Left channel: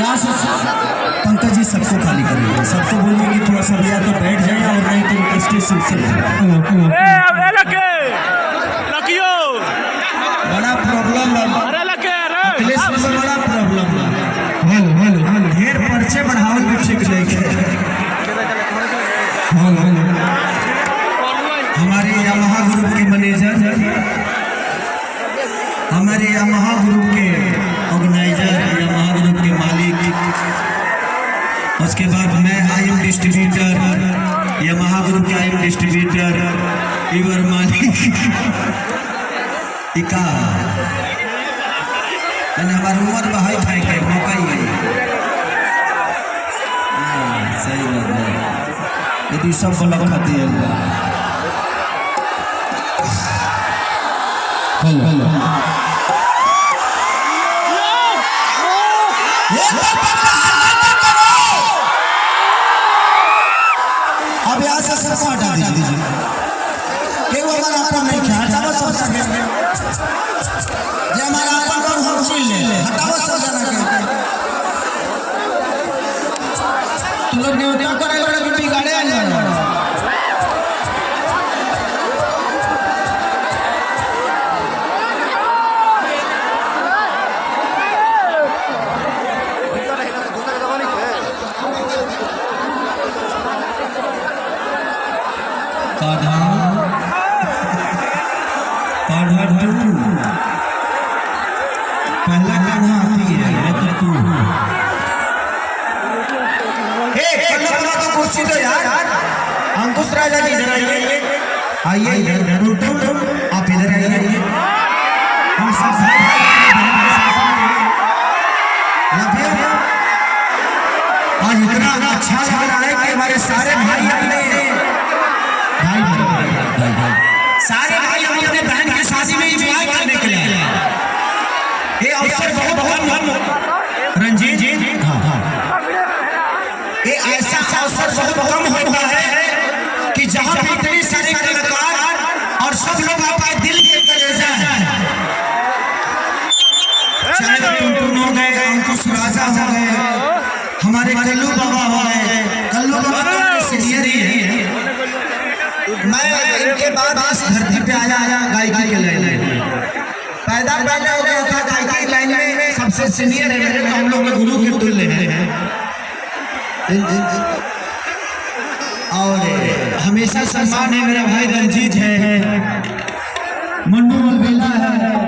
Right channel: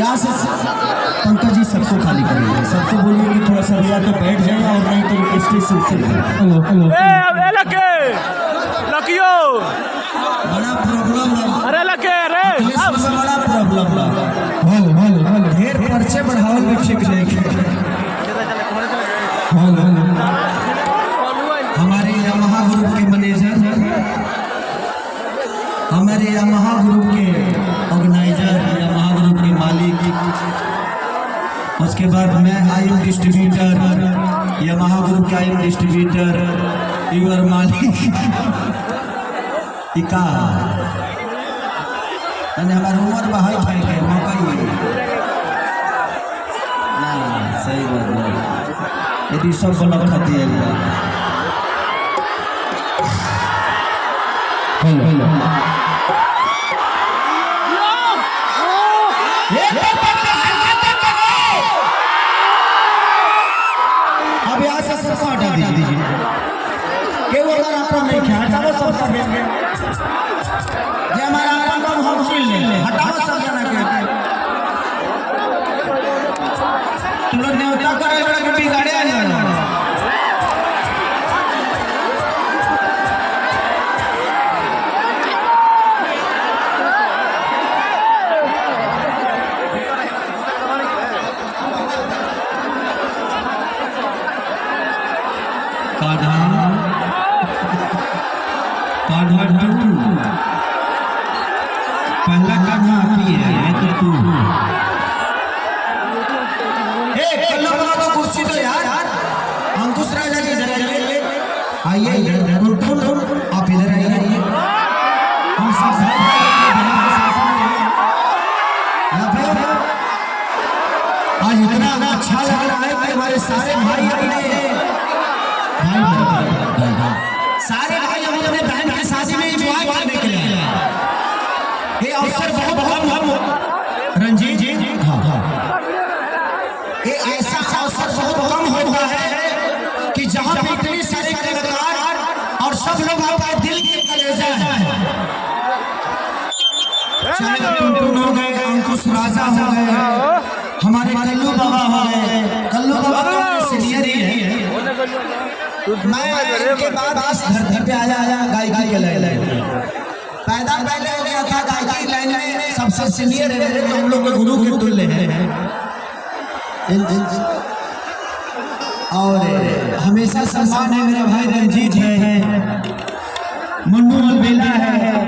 यहाँ से पंकज जी सबको खाली करिए, सबको बोलिए कि थोड़ा सा या तो बैठ जाए और नहीं तो स्टेज से उठ जाए। बड़ा प्रॉब्लम बड़ा प्रॉब्लम ढेर पर्चे बढ़ावल भी ठीक नहीं है। हमारे यामाहा ग्रुप के मैनेजर, हमारे यामाहा ग्रुप के ऑर्गेनाइजर, यामाहा ग्रुप के मालिक, उसके बाद मैं आईएम डिस्ट्रीब्यूटर, यामाहा ग्रुप के आईएम डिस्ट्रीब्यूटर इवर मालिक इका हमारे उम्र बहाई खाई के मौका ही सही बात है। यदि सब ब्लॉक खाती है हेलो अब यहाँ से सबको हटा दीजिए कि वो हमारा अपन नहीं क्या हटाओ सब ये हमारा अपन को हम छीन ले हटाओ सब जना के तुरंत न्योता करे बड़े बिगाड़े आ जाए। पहला कान्हा आती है मैं तो तू तो कुर्सी तो यार अंकुश राजा जी इधर आइए इधर आप इधर आइए। हम सब आज इतना अच्छा लग रहा है कि हमारे सारे भाई अपने सारे भाई हम अपने बहन की शादी में एंजॉय करने के लिए ये अवसर बहुत कम रंजीत हाँ ये ऐसा अवसर बहुत कम होता है कि जहां पे इतने सारे कलाकार और सब लोग आपका दिल के कलेजा है, चाहे टुनटुन हो गए, अंकुश राजा हो गए, हमारे कल्लू बाबा हो गए। कल्लू बाबा तो सीनियर ही है। मैं इनके बाद इस धरती पे आया गायकी के लाइन में पैदा हो गया था। गायकी लाइन में सबसे सीनियर है मेरे, तो हम लोग के गुरु के तुल्य हैं और हमेशा सम्मान है। मेरा भाई रंजीत है, मन्नू अलबेला है,